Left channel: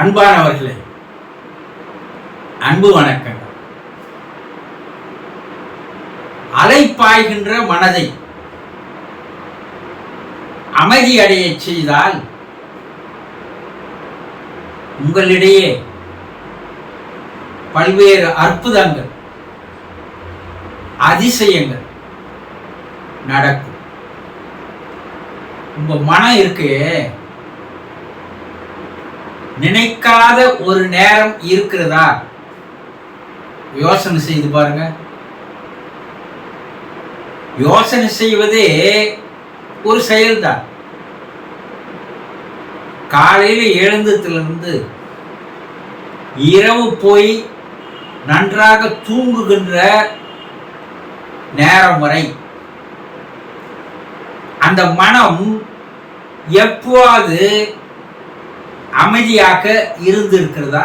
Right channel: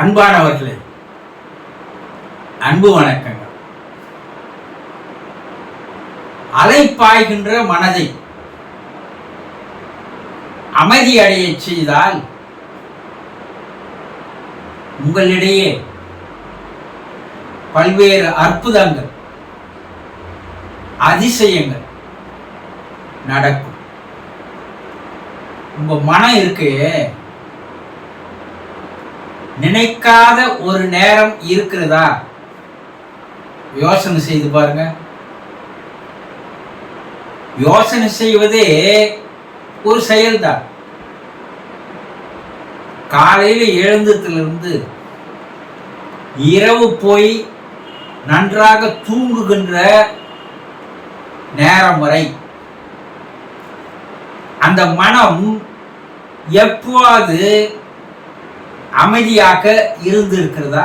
அன்பானவர்களே அன்பு வணக்கங்கள். அலைப்பாய்கின்ற மனதை அமைதி அடையச் செய்தால் உங்களிடையே பல்வேறு அற்புதங்கள் அதிசயங்கள் நடக்கும். உங்க மனம் இருக்கு நினைக்காத ஒரு நேரம் இருக்கிறதா? யோசனை செய்து பாருங்க. யோசனை செய்வதே ஒரு செயல்தான். காலையில் எழுந்ததிலிருந்து இரவு போய் நன்றாக தூங்குகின்ற நேரம் வரை அந்த மனம் எப்போது அமைதியாக இருந்திருக்கிறதா?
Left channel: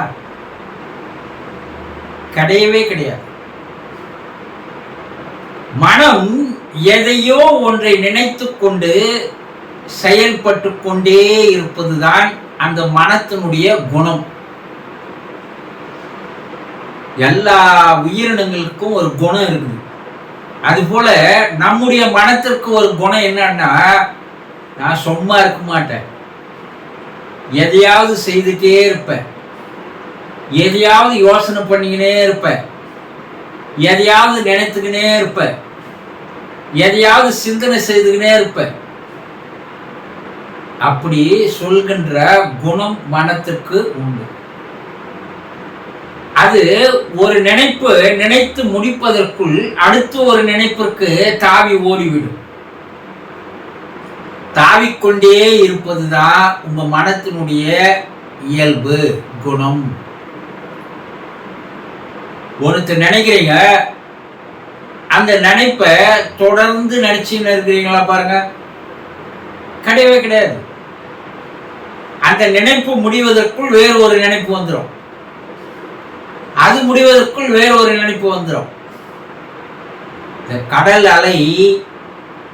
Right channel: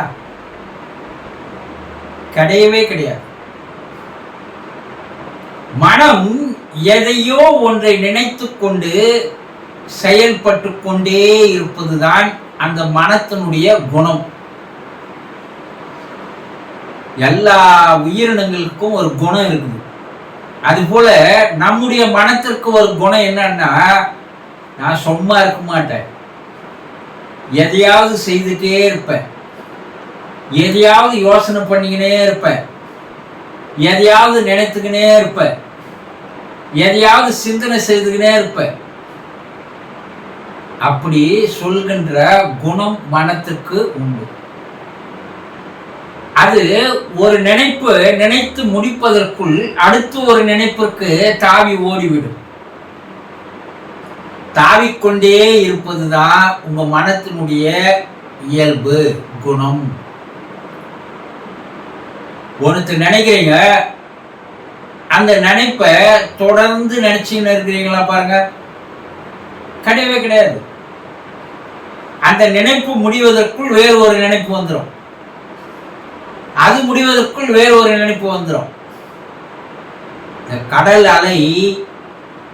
கிடையவே கிடையாது. மனம் எதையோ ஒன்றை நினைத்து கொண்டு செயல்பட்டு கொண்டே இருப்பதுதான் அந்த மனத்தினுடைய குணம். எல்லா உயிரினங்களுக்கும் ஒரு குணம் இருக்குது. அதுபோல நம்முடைய மனத்திற்கு ஒரு குணம் என்னன்னா நான் சும்மா இருக்க மாட்டேன். எதையாவது செய்துட்டே இருப்பேன் எதையாவது யோசனை பண்ணிக்கினே இருப்பேன் எதையாவது நினைத்துக்கினே இருப்பேன் எதையாவது சிந்தனை செய்துக்கினே இருப்பேன் அப்படி சொல்கின்ற குணம் மனத்திற்கு உண்டு. அது ஒரு நினைப்பு நினைத்து முடிப்பதற்குள் அடுத்து ஒரு நினைப்பிற்கு தாவி ஓடிவிடும். தாவிக்கொண்டே இருப்பதுதான் உங்கள் மனத்தினுடைய இயல்பு குணம்? ஒருத்தர் நினைக்கிறீங்க அந்த நினைப்பை தொடர்ந்து நினைச்சுன்னு இருக்கிறீங்களா பாருங்க. கிடையவே கிடையாது. அந்த நினைப்பு முடிவதற்குள் வேறு ஒரு நினைப்பு வந்துடும் அது முடிவதற்குள் வேறு ஒரு நினைப்பு வந்துடும் இந்த கடல் அலை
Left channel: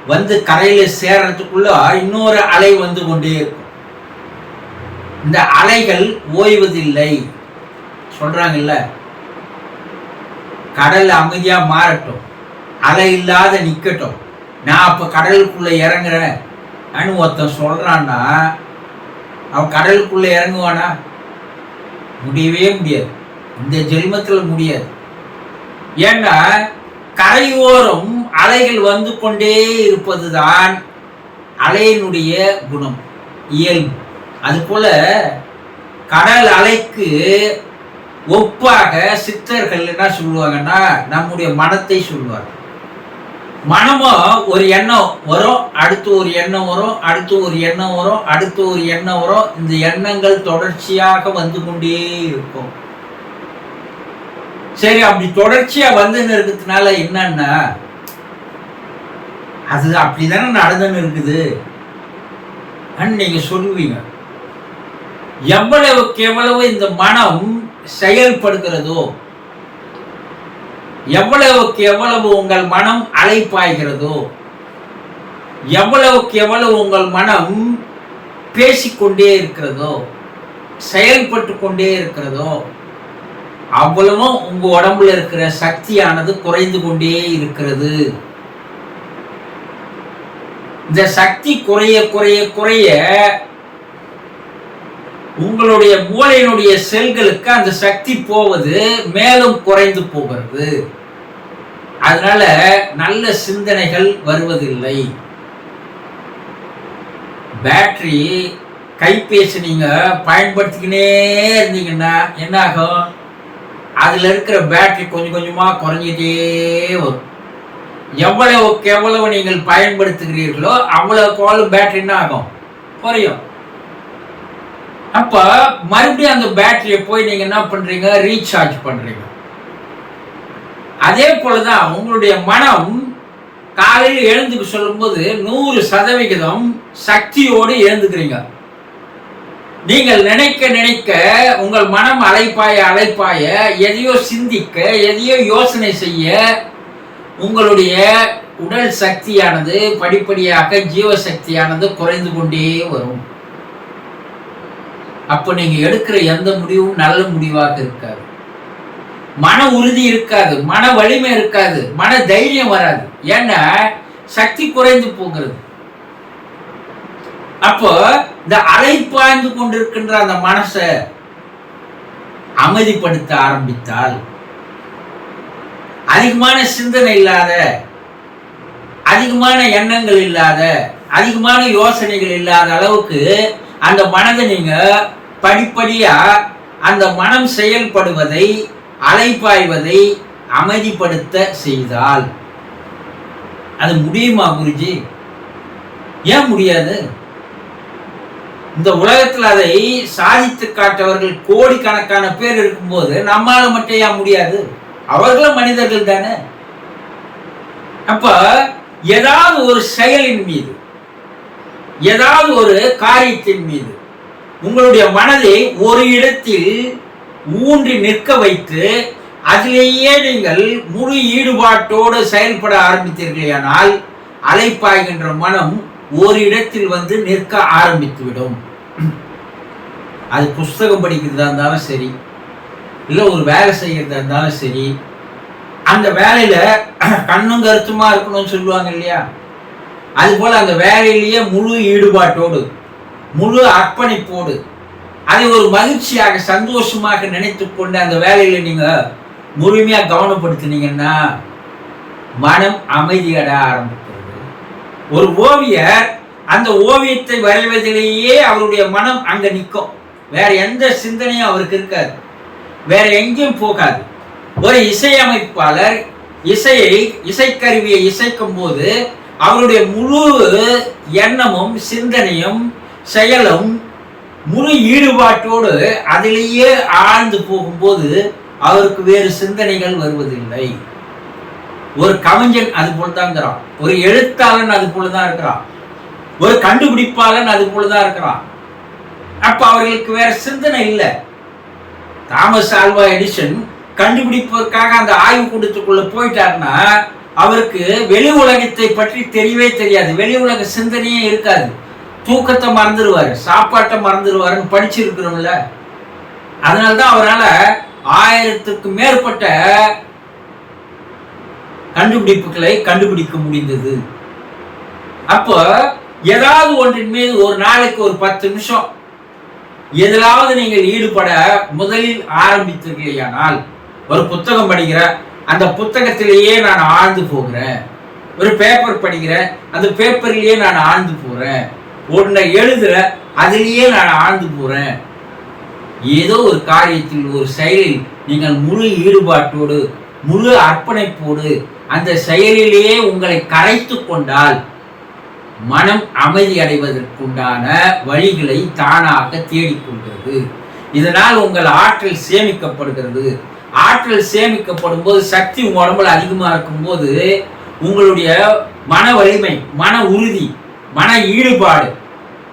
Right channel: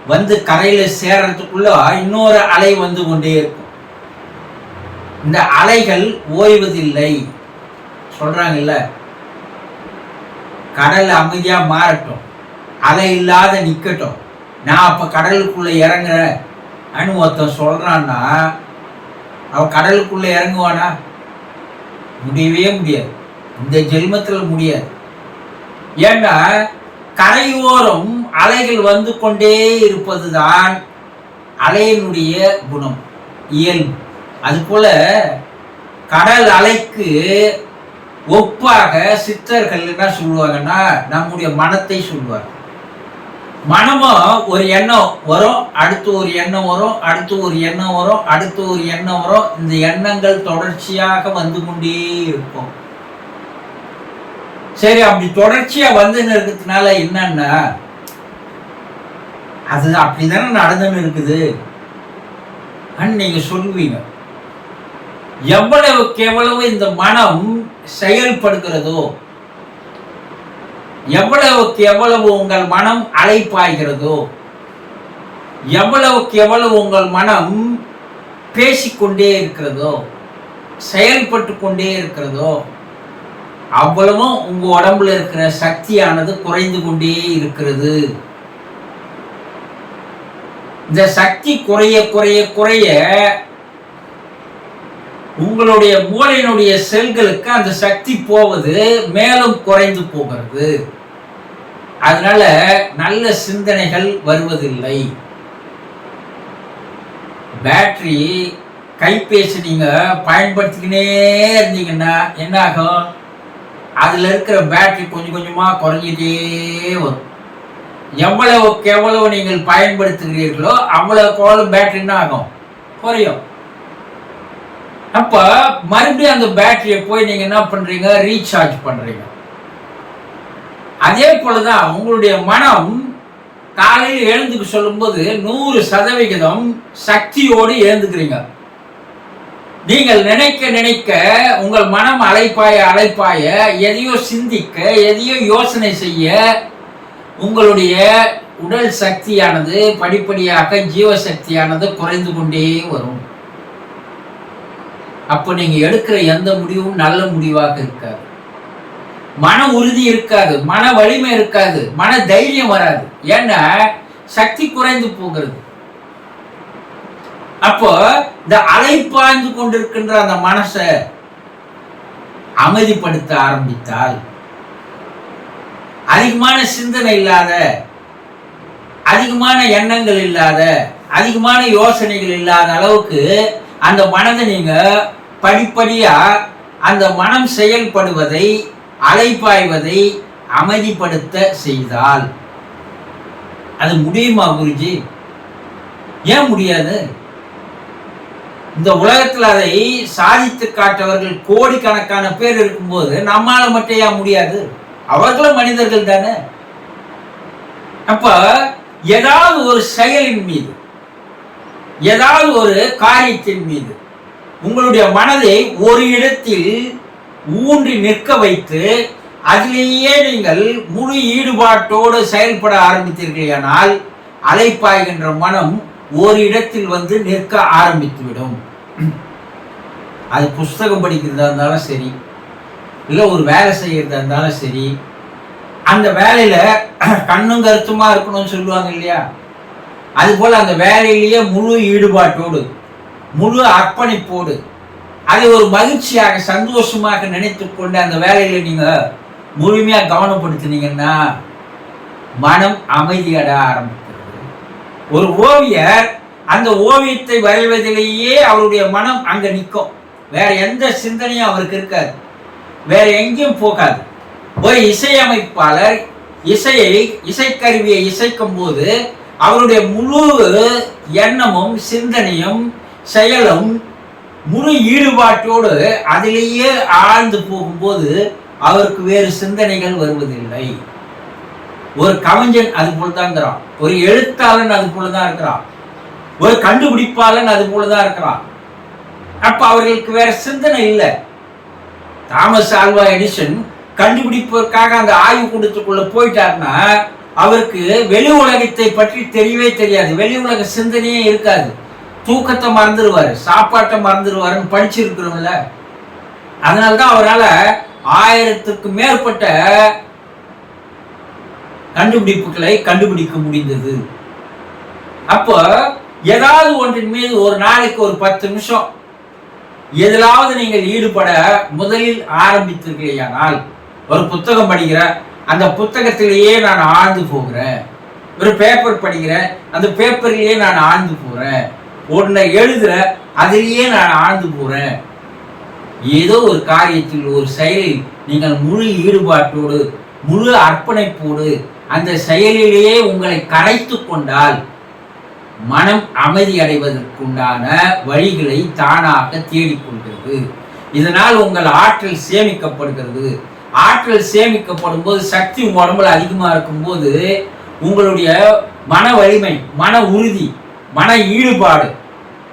வந்து கரையில் சேர்றதுக்குள்ள இன்னொரு அலை வந்து கொண்டே இருக்கும். இந்த அலைகள் ஓய்வதில்லை. சொல்றாங்கல்ல? கடல் அமைதியாக மாறட்டும். அலை இல்லாத நிற்கட்டும் நான் அப்போ கடலுக்குள்ளே இறங்குறேன். அனு ஒருத்தன் சொல்கிறான்னா அவன் கடலுக்குள்ளே இறங்குவானா? முடியவே முடியாது. இந்த ஜென்மத்தில் முடியாது. ஏன்னா கரையோரம் அலைகள் வந்து கொண்டே இருப்பதுதான் அலையினுடைய குணம் இயல்பு. அதுபோல கடல் அலைக்கு ஒப்பாக சித்தர்கள் என்ன சொல்லுவாங்கன்னா நம்முடைய மனத்தை சொல்லுவாங்க மனமும் ஒரு எண்ணம் வரும் அடுத்து ஒரு எண்ணம் வரும் அடுத்து ஒரு எண்ணம் வரும் அடுத்து ஒரு எண்ணம் வரும் இந்த எண்ணங்கள் தொடர்ச்சியாக வந்து கொண்டே இருக்கும். சரி அப்படி தொடர்ச்சியா வந்துன்னு இருக்கிறதுனால என்னன்னா அது அப்படிதானே நடந்துன்னு இருக்குது. நீங்க சொல்லுவீங்க. எவ்வளவுக்கு எவ்வளவு இந்த மனம் செயல்படுகிறதோ எவ்வளவுக்கு எவ்வளவு உங்கள் மனம் அலைப்பாய்கிறதோ எவ்வளவுக்கு எவ்வளவு உங்கள் மனம் பேசிக்கொண்டே இருக்கிறதோ செயல்பட்டு கொண்டே இருக்கிறதோ அவ்வளவும் உங்கள் உடம்புல இருக்கிற சக்தியானது குறைந்து கொண்டே இருக்கிறது. இந்த சக்தி குறைய குறைய குறைய உங்களுடைய மூளையினுடைய செல்களுக்கு அந்த சக்தி போவது மேலும் குறைந்து போகிறது. அதனால நல்ல சிந்தனைகள் வருவதில்லை. பேட்டரி கைபேசி நீங்கள் பயன்படுத்திக்கினே இருந்தீங்கன்னா என்ன ஆகும் அதில் இருக்கிற பேட்டரி கொஞ்சம் கொஞ்சமாக குறைஞ்சிட்டே வரும். எவ்வளவுக்கு எவ்வளவு நீங்கள் பயன்படுத்துகிறீர்களோ அவ்வளவுக்கு அவ்வளவு பேட்டரி என்ன ஆகும். குறையும் அப்போ மறுபடியும் அந்த பேட்டரியை போய் நீங்கள் என்ன பண்ணுறீங்க ரீசார்ஜ் பண்ணுறீங்க அதே போல தான் உங்களுடைய மனம் காலையில் எழுந்துக்க சொல்லும்போது நூறு சதவிகிதம் சக்தியோடு எழுந்துக்கிறீங்க. நீங்கள் நினைக்க நினைக்க உங்கள் மனம் அலைப்பாய அலைப்பாய எதையோ சிந்திக்க எதையோ யோசனை செய்ய உங்களுடைய உடல் சக்தியானது படிப்படியாக ஜீவசக்தியானது குறைந்து கொண்டே வரும். அப்போ நீங்கள் எடுக்கிற எந்த முடிவும் நல்ல முடிவாக இருக்காது. மன உறுதி இருக்காது மன வலிமை இருக்காது மன தைரியம் வராது. ஏன்னா சக்தி குறைந்து போகிறது. அப்போ இந்த அலைப்பாய்ந்து கொண்டிருக்கின்ற அந்த மனசை அமைதிப்படுத்த ஆரம்பித்தால் அதிகமான சிந்தனை இல்லாத அதிகமான எண்ணங்கள் இல்லாத அதிகமான யோசனைகள் இல்லாத அளவுக்கு அந்த மனதை நீங்க படிப்படியா அந்த மனம் செயல்படுவதை அலைப்பாய்வதை அமைதிப்படுத்த செய்தால் அது முடியுமா குருஜி? ஏன் முடியாது? இந்த உலகத்தில் அதை சாதித்து காட்டவர்கள் கோடிக்கணக்கான பேர் இருக்கும்போது நம்மால மட்டும் ஏன் முடியாது? அவர்களும் மனிதர்கள் தானே? அப்ப ஏதாவது ஒரு செயலின் மீது ஏதாவது ஒரு காரியத்தின் மீது உங்களுடைய மனதை ஒரு இடத்தில் ஊன்றி நிற்க வைத்து அதிலேயே நீங்கள் முழு ஈடுபாட்டோடு செயல்பட ஆரம்பித்தீர்களானால் அலைப்பாய்கின்ற மனம் ஒரு இடத்தில் வந்து நிற்க ஆரம்பித்துவிடும். அது புஸ்தகம் படிக்கிறதா இருந்தாலும் சரி இல்லை ஒரு வேலை செய்கிறதா இருந்தாலும் சரி அந்த வேலையில் கண்ணும் கருத்துமாக இருக்கணும்னு சொல்லுவாங்க இல்லையா? அதுபோல் அந்த வேலையிலேயே முழு ஈடுபாட்டோடு முழு அர்ப்பணிப்போடு அதை ஒரு மகிழ்ச்சியாக சந்தோஷமாக நினைத்து கொண்டு அந்த வேலையில் நீங்கள் முழுமையாக கவனப்படுத்தினீங்கன்னா மனம் அமைதியட ஆரம்பிக்கிறது. ஒரு ஓவியர் அந்த ஓவியத்தை வரைவதிலேயே அவருடைய மனம் அங்க நிற்கும் வேற எந்த சிந்தனையும் அவருக்கு இருக்காது. வேற எங்கேயும் போகாது. ஒரு இசையமைப்பாளர் இசையை இசைக்கருவியை இசைக்கும் போது அவருடைய முழு எண்ணமும் சிந்தனையும் செயலும் முழு ஈடுபாட்டோடு அதிலேயே ஆழ்ந்து போகும்போது அவருக்கு வேறு சிந்தனைகள் வருவதில்லை. ஒரு கவிஞன் அது போல் தான் இருக்கிறான். ஒரு எழுத்தாளன் அது போல தான் இருக்கிறான். ஒரு கண்டுபிடிப்பாளன் அது போலதான் இருக்கிறான். அப்ப அவர்களுக்கு வேற சிந்தனை இல்லை. தாமஸ் ஆல்வா எடிசன் கண்டுபிடிப்பதற்காக அந்த ஆய்வு கூடத்துக்குள்ள போயிட்டாருன்னா அவருக்கு வெளி உலகத்தை பற்றி தெரியவே தெரியாது. வெளி உலக சிந்தனையே இருக்காது. தூக்கத்தை மறந்துடுவார் சாப்பாட்டை மறந்துடுவாருன்னு படிச்சிருக்கிறோம்ல. அதனால தான் அவரால் ஆயிரத்துக்கு மேற்பட்ட கண்டுபிடிப்புகளை கண்டுபிடிக்க முடிந்தது. அப்போ ஏதாவது ஒன்றின் மீது ஒரு நாளைக்கு ஒரு பத்து நிமிஷம் எதிலாவது நீங்கள் ஈடுபட முதலில் ஆரம்பித்தீர்களேயானால் ஒரு புத்தகம் படிக்கிற அந்த புத்தகத்திலேயே நான் ஆழ்ந்து போகிறேன். ஒரு பேப்பர் படிக்கிறேன் அந்த பேப்பர்லேயே நான் ஆழ்ந்து போகிறேன். ஒன்றை எழுதுகிற அதிலேயே நான் ஆழ்ந்து போகிறேன். ஏதோ ஒரு காரியத்தில் ஒரு செயலில் நீங்கள் முழு ஈடுபாட்டோடு முழு அர்ப்பணிப்போடு அந்த செயலிலேயே உங்களை கரைத்து கொண்டால் மனம் அமைதி அடைவதற்குண்டான வழிகளை தானாக தேடிக்கொள்கிறது இதனால் உங்கள் ஆற்றல் சேமிக்கப்படுகிறது. ஆற்றல் சேமிக்கப்படும் போது சக்தி உடம்புல அதிகமாக இருக்கும்போது உங்களுடைய மன வலிமை மன உறுதி மன ஈடுபாடு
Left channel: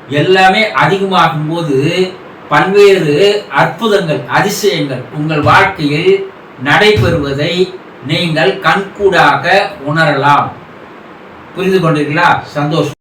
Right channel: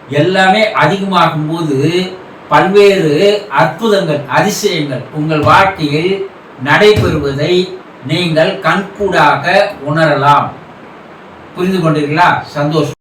எல்லாமே அதிகமாகும் போது பல்வேறு அற்புதங்கள் அதிசயங்கள் உங்கள் வாழ்க்கையில் நடைபெறுவதை நீங்கள் கண்கூடாக உணரலாம். புரிந்து கொண்டீர்களா? சந்தோஷம்.